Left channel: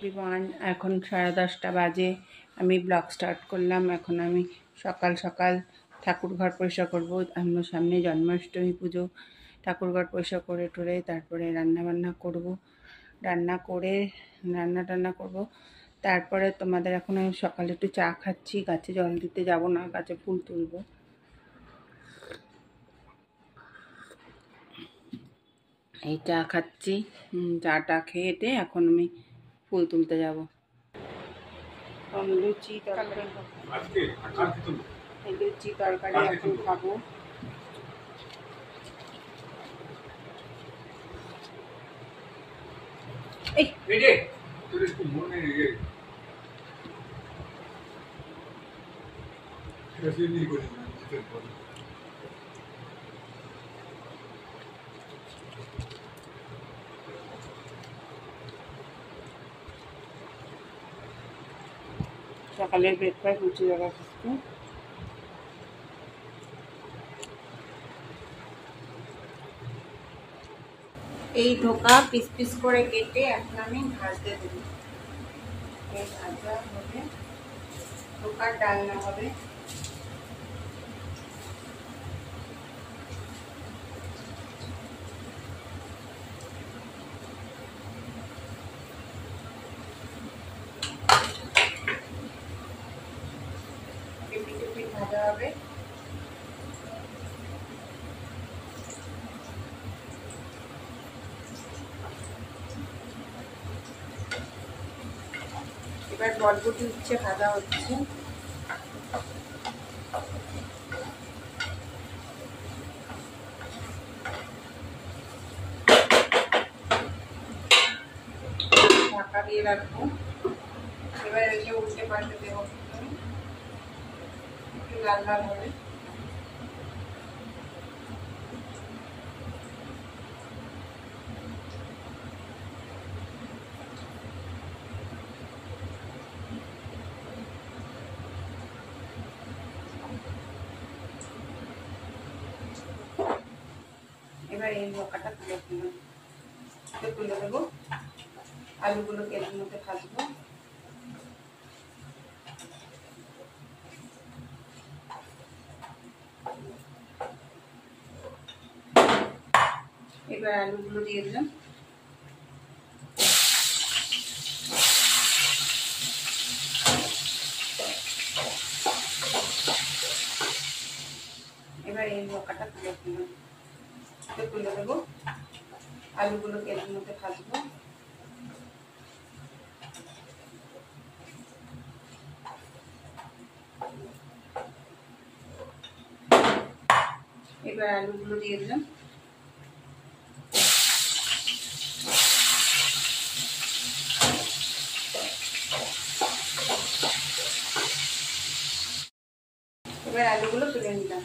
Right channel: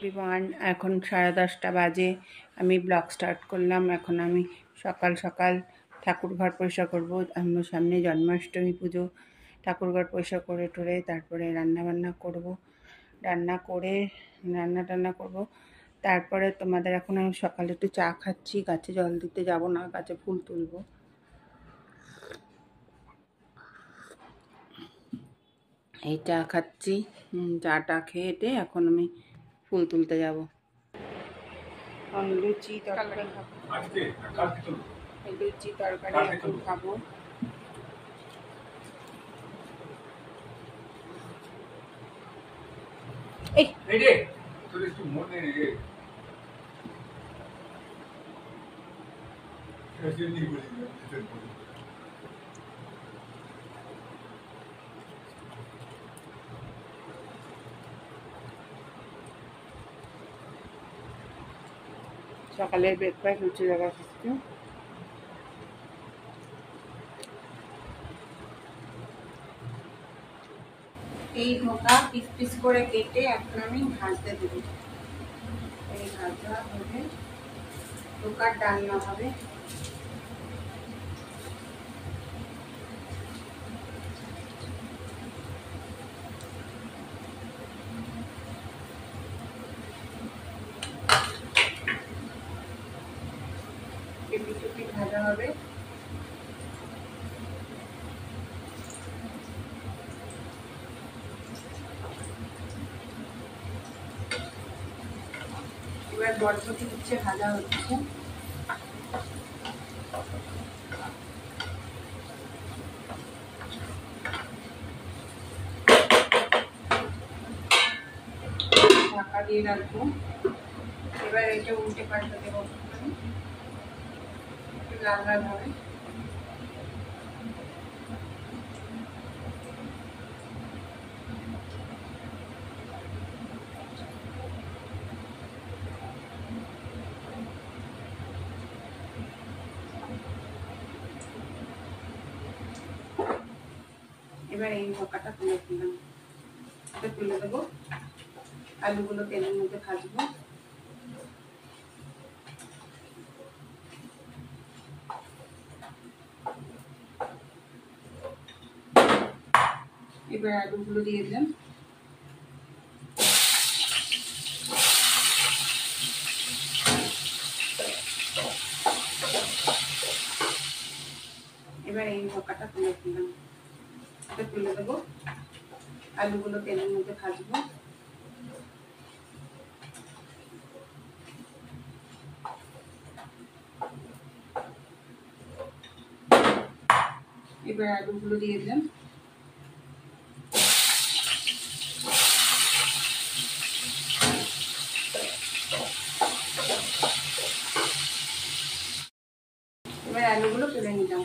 Everyone, এখন 10:30 বাজে। আমি ব্লগ স্টার্ট করলাম। এখন আমি সকাল সকাল ঠাকুর ঘর পরিষ্কার করবো। আমার সামনে জন্মাষ্টমী পুজো। ঠাকুর ঘর পরিষ্কার করে টরে তারপরে রান্না করব। রান্না টান্না করব। তারপরে তোমাদের এখন আমি সকালে একটু চা খাচ্ছি। গাছে জল দিতে যাব না, গাছে ফুল তুলব। এই চা খাচ্ছি। চাটা খেয়ে এখন আমি ফুল তুলতে যাব। লুচি তরকারি এখন খাবো। সকালের ব্রেকফাস্ট লুচি দেখা খাচ্ছি। এই ধোকা পিস পিস করে কেটে এখন আমি ভাজতে দেব। এই ভাজা হবে, ধোকার ডালনা হবে। ভাজা হবে। এবার বরবটি উচ্ছে ভাজা হচ্ছে। ঢাকা দিয়ে রাখবো। এবার একে উল্টে পাল্টে দেবো, একটু লাল লাল হবে। এবার এই ধোকাটা তুলে দেবো। আলুগুলো তেলের মধ্যে ভাজবো। এবার আলুগুলো দিয়ে দিলাম। এবার এই ধোকাটা তুলে দেবো। আলুগুলো তেলের মধ্যে ভাজবো। এবার আলুগুলো দিয়ে দিলাম। এবার আলুগুলো তুলে নিলাম।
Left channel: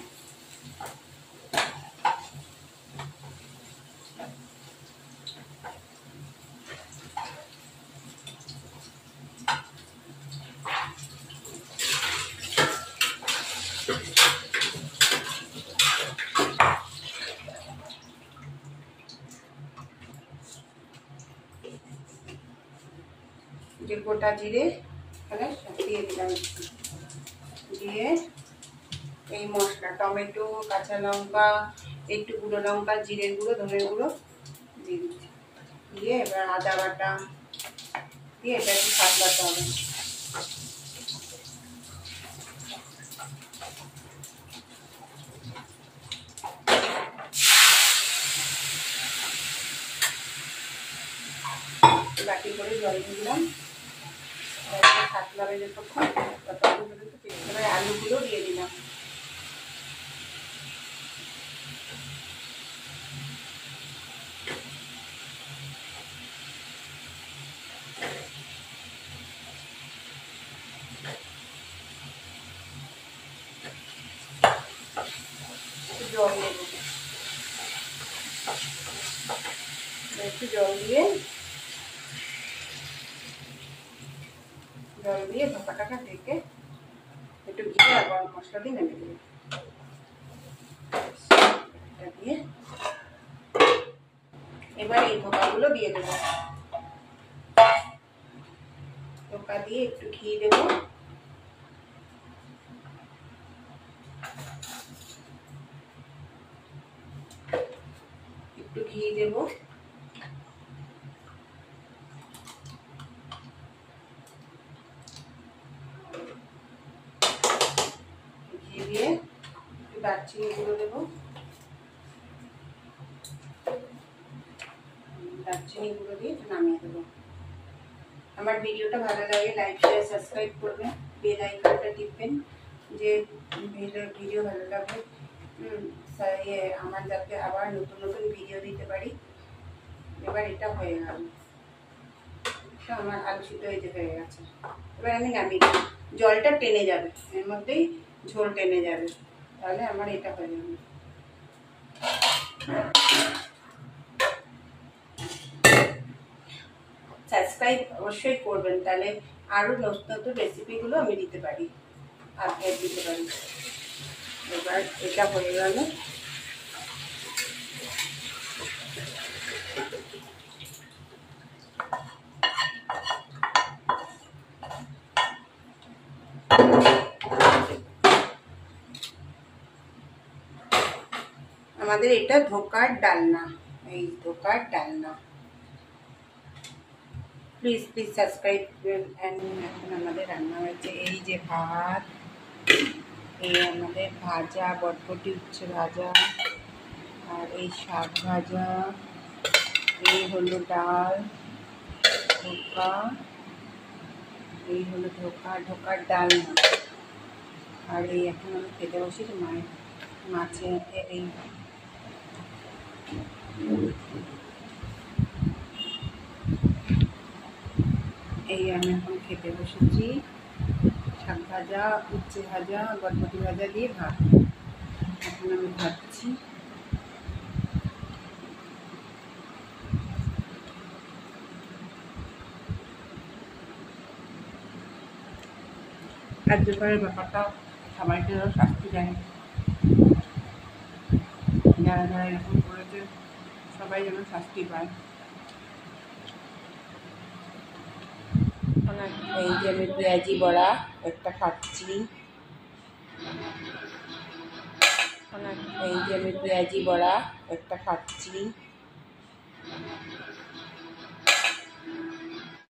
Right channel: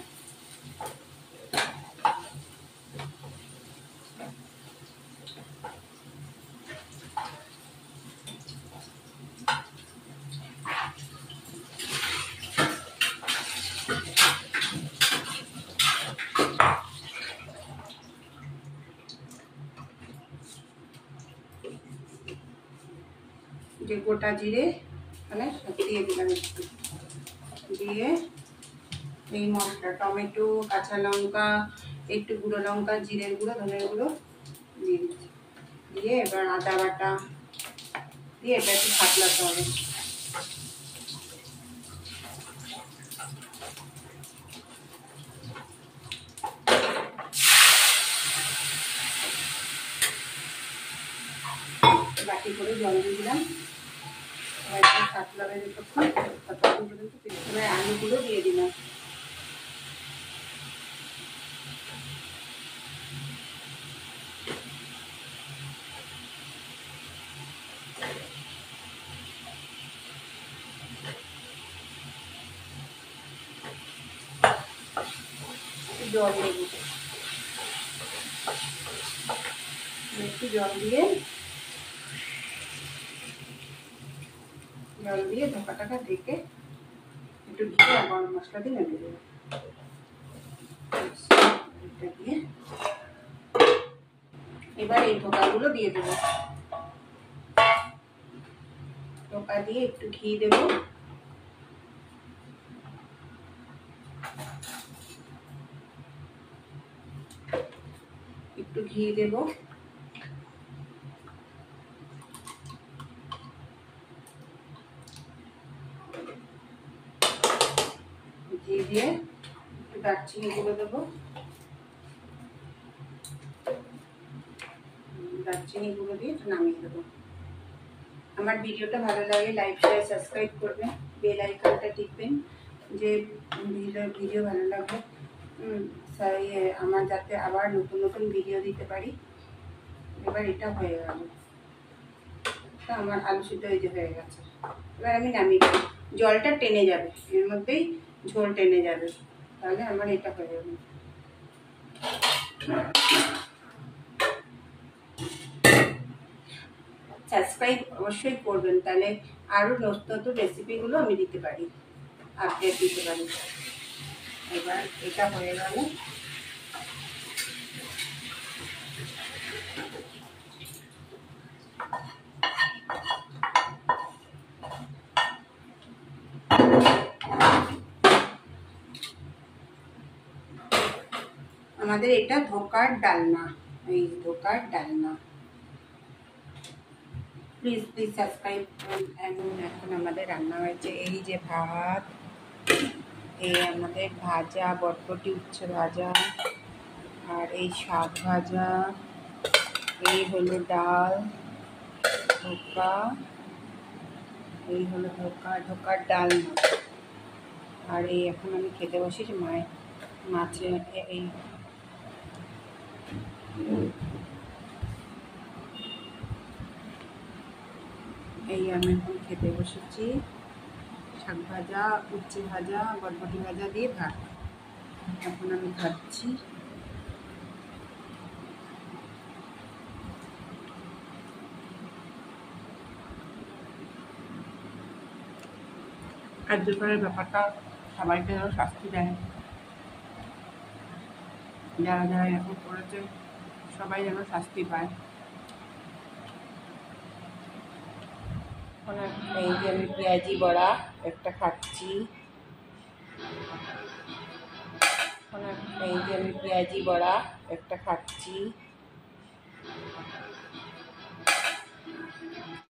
যে গোটা জিরে এখানে দিয়ে দিলাম, দিয়ে এই মশলা টমেটো, কাঁচা লঙ্কা, একটু গুঁড়ো লঙ্কা, জিরের গুঁড়ো, ধনের গুঁড়ো দিয়ে দিচ্ছি। দিয়ে এবার আদা বাটা দিয়ে এটা একটু ফাটলাতে হবে। বাটি করে জল দিয়ে দিলাম। ফাটলাবে যতক্ষণ পর্যন্ত। এবার আলুগুলো দিয়ে দিলাম। জল দেব, একটু জল দিয়ে ধোকাটাকে ঢেকে একটু ঘি আর গরম মশলা দিয়ে নেড়ে দেবো। দিয়ে এবার এই ধোকাগুলো দিয়ে দেবো। ধোকা দিয়ে একটু ঘি দেবো। একটু ঘি দেবো। ঘি দিয়ে একটু দারচিনি গুঁড়ো দেবো। দারচিনি গুঁড়ো দিয়ে নামিয়ে দেবো। আমার ভিডিওটা ভালো লাগলে লাইক শেয়ার সাবস্ক্রাইব করবেন, বেল আইকনটা টিপবেন যে ভিডিও ভালো লাগবে আমার, যাতে আবার নতুন নতুন ভিডিও দিতে পারি। এবার এটা হয়ে গেল, আমার আলু সিদ্ধ হয়ে গেছে। এবার আমি নামিয়ে দেবো। জলটা টেনে যাবে, এর মধ্যেই ঝোল টেনে যাবে, তাহলে আমার এটা হয়ে যাবে। সাবস্ক্রাইব অবশ্যই করবেন, তাহলে আরও নতুন নতুন রেসিপিগুলো আমি দিতে পারি, আপডেট দিতে পারি। এবার এটা হয়ে গেল। আমাদের এটা ধোকার ডালনা, এই ধোকার ডালনা। Please please subscribe. এখন আমাদের রান্না হয়েছে এই যে ভাত, এই আমাদের ভাজা বটবটি উচ্ছে ভাজা, আর এই শাক ভাজা, এই হলো ডাল, ধোকা, এই হলো ধোকার ডালনা। আর এই এখন আমি খেতে বসেছি মায়ের মাছে এই আমি এখন খেতে বসেছি শাক ভাজা, উচ্ছে ভাজা, বটবটি ভাজা দিয়ে ভাত। এখন আমি খাচ্ছি। কার্যকরের ব্যাপারটা সবাইকে যেন শাস্তি দেয়, যারা যারা এরকম করেছে সবাই যেন শাস্তি পায়। এই যে আমি পেঁয়াজি বড়া একটা খাচ্ছি। এই যে আমি পেঁয়াজি বড়া একটা খাচ্ছি।